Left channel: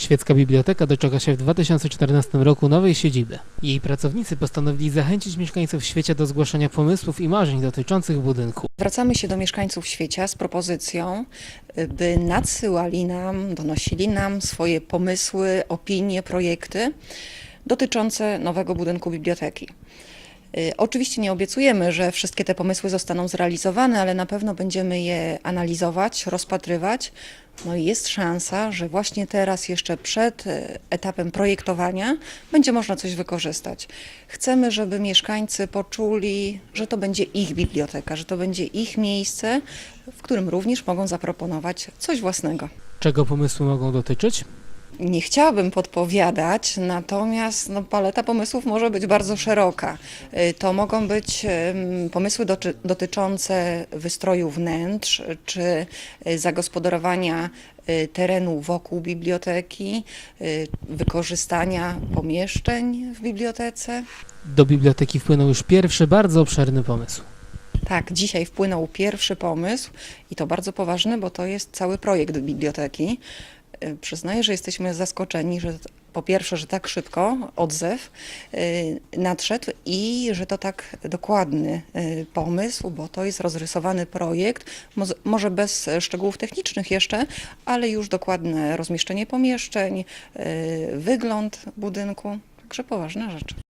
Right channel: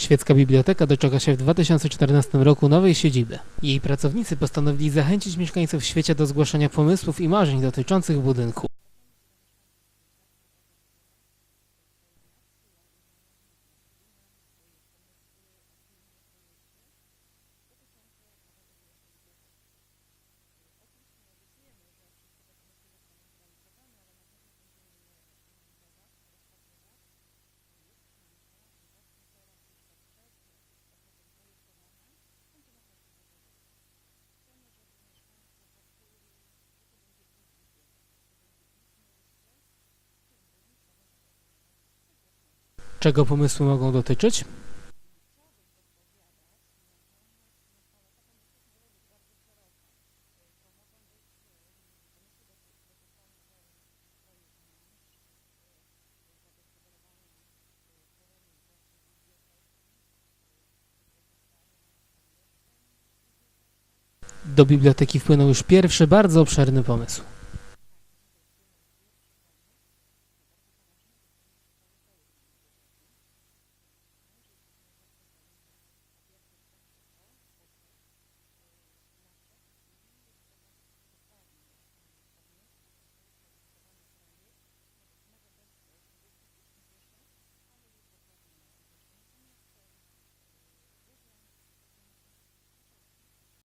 Świecka Biblioteka doczeka się w 2014 roku nowej siedziby. Jej pracownicy postanowili zachęcić mieszkańców świecie do zgłaszania pomysłów i marzeń dotyczących budynku. Zwracamy się do mieszkańców świecia z propozycją, by nadsyłali nam, donosili nam swoje pomysły, opinie, projekty dotyczące nowego budynku biblioteki. Y, Oczywiście nie obiecujemy, że wszystkie te pomysły zostaną zrealizowane, ale na pewno będziemy je analizować, rozpatrywać. No i jest szansa, że właśnie teraz, jeszcze przed y, etapem projektowania, będzie można coś wykorzystać. Chcemy, żeby mieszkańcy poczuli, że to będzie ich biblioteka, że to będzie ich miejsce, w którym również mogą zaproponować coś własnego. Czego pomysły mogą dotyczyć? Nie chciałabym podpowiadać, natomiast no, paleta pomysłów może być bardzo szeroka. Y, To mogą być pomysły dotyczące wystroju wnętrz czy y, zagospodarowania y, terenu wokół biblioteki, wykorzystania pomieszczeń w bibliotece. Do biblioteki wpłynął już pierwszy, bardzo obszerny pomysł. Tak, dzisiaj wpłynął pierwszy pomysł i to bardzo poważny, bo to jest cały projekt biblioteki. Przyznaję, że jesteśmy zaskoczeni, że po pierwsze, że tak szybko odzew y, nadszedł i że to tak dokładny y, pomysł, bo to jest rozrysowany projekt, może bez szczegółów technicznych jeszcze, ale już dokładne rozmieszczenie pomieszczeń, y, wygląd budynku, także poważna rzecz.